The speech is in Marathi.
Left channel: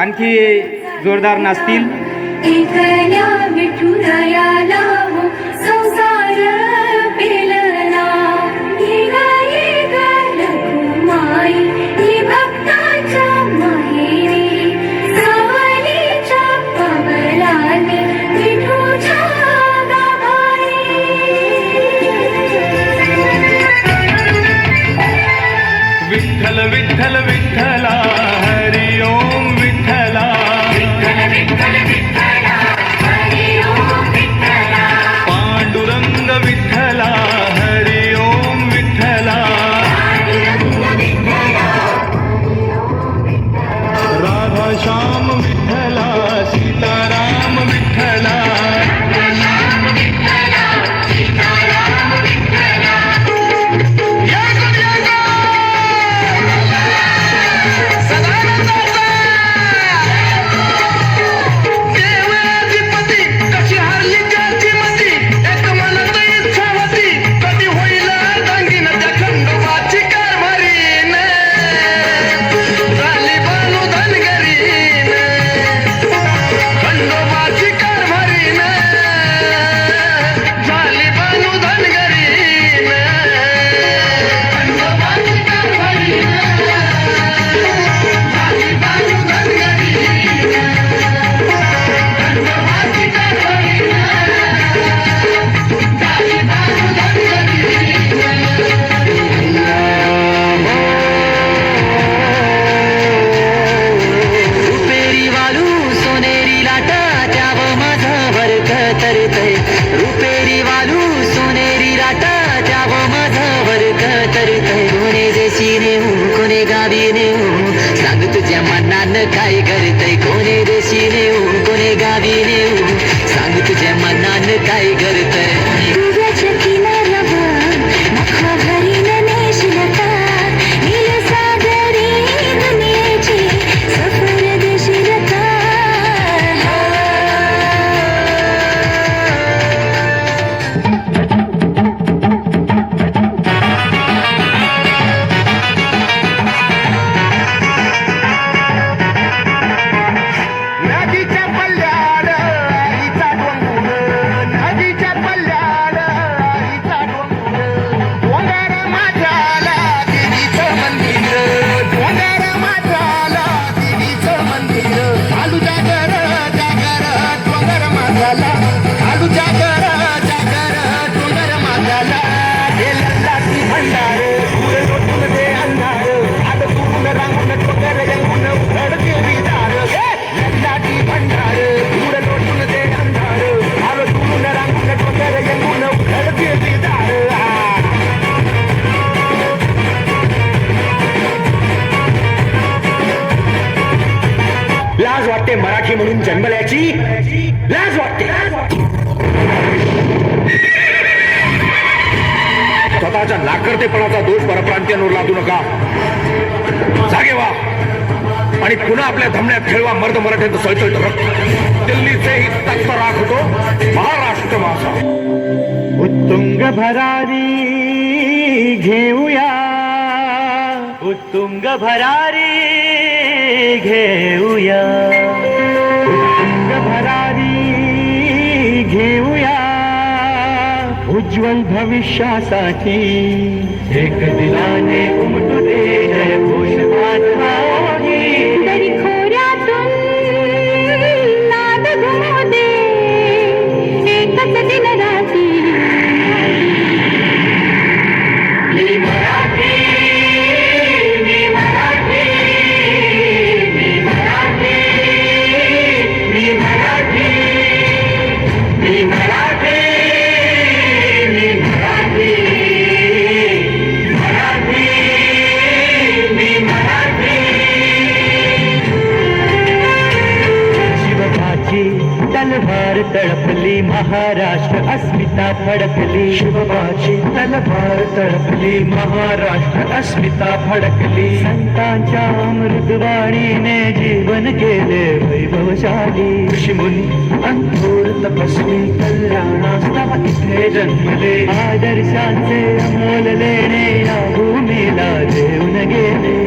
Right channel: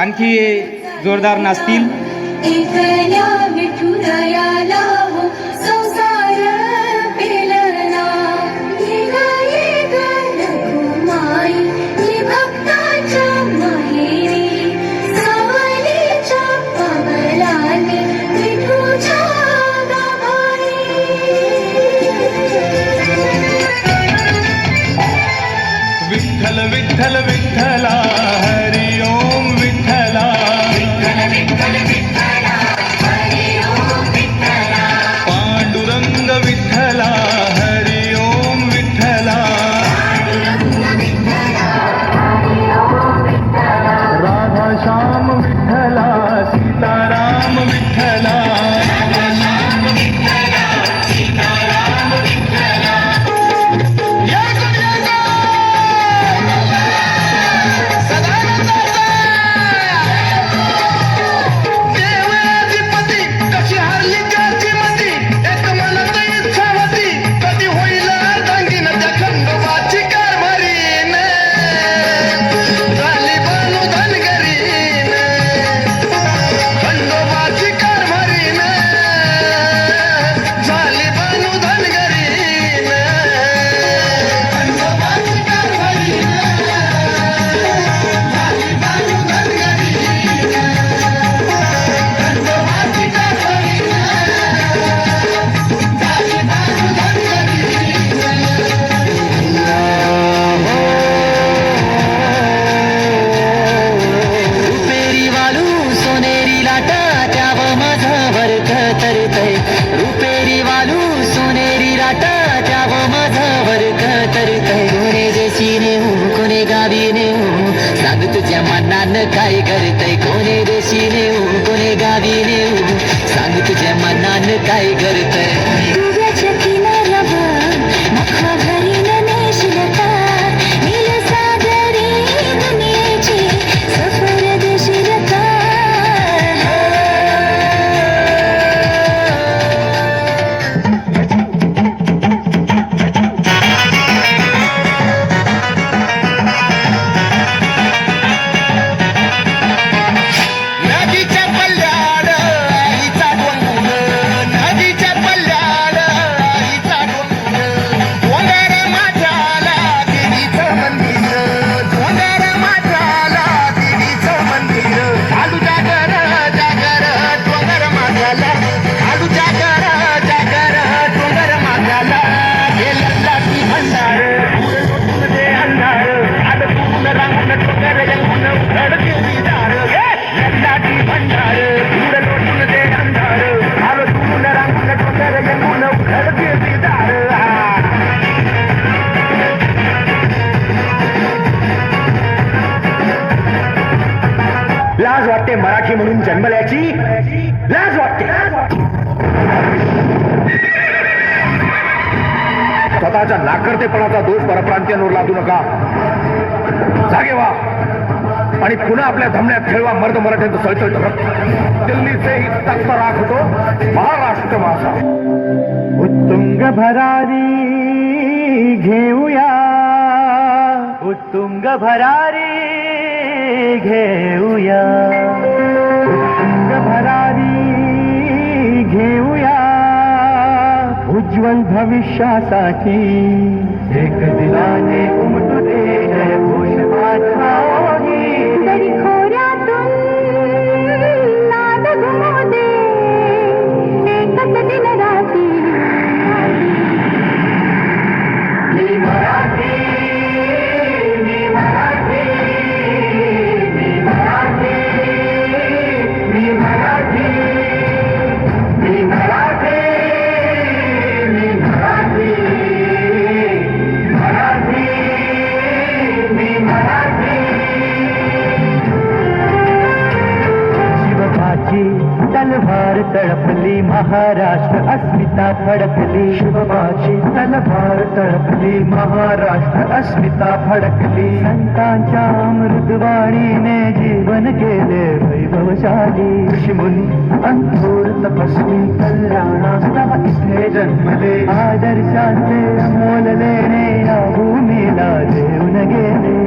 आणखी जोरदार नाचतील. एकल्या विठुरायाला हो संसार पेलला, निघाली गरमाई ही भक्ताच्या माहेरी, सावलीच्या पवनाने विठूच्या गाभारी. विठ्ठल विठ्ठल विठ्ठला हरि ओम विठ्ठला, विठ्ठल विठ्ठल हरि ओम विठ्ठला, पांडुरंग विठ्ठला हरि ओम विठ्ठला, राधा श्याम विठ्ठला सीताराम विठ्ठला, काय करतय कोणे देशी नेऊ कोणे गावी नेऊ सांग तुझ्या मनान काय करतय. तुझ्या किनाऱ्यावर नखा भरीन नेशिलता, नील सागरी दुनियेची सफर देशीलता. लाज वाटते मराठी म्हणून जन्मल्याची, लाज वाटते. स्वतःच्या नाकर्तेपणाचा दोष परप्रांतीयांवर लादू नका. जागे व्हा आणि पुन्हा आपल्या धमण्यात खेळवा मर्द मराठ्यांचं सळसळत रक्त. दिल्लीचेही तख्त राखतो महाराष्ट्र माझा. उत्तुंग भरारी घेऊया, उत्तुंग भरारी घेऊया, उत्तुंग भरारी घेऊया, उज्ज्वल भविष्यासाठी एक दिलाने उमटू दे जय घोष माझा. तरी खोऱ्यातून नाद घुमू दे एकच दिन राती. मी मराठी, मी मराठी, मी मराठी, मी मराठी, मी मराठी, मी मराठी, मराठी, मी मराठी. शिवबाची तलवार तळपली महाराष्ट्र अस्मिता फडकली. शिवबाची तलवार तळपली महाराष्ट्र अस्मिता फडकली. संतांच्या अमृतवाणीने जीवन केले वैभवशाली. ऋषीमुनी अंथोर तपस्वी कल्याणास्तव इथे जन्मले. आदर्शांचे अमोल लेणे या भूमीला देऊन गेले.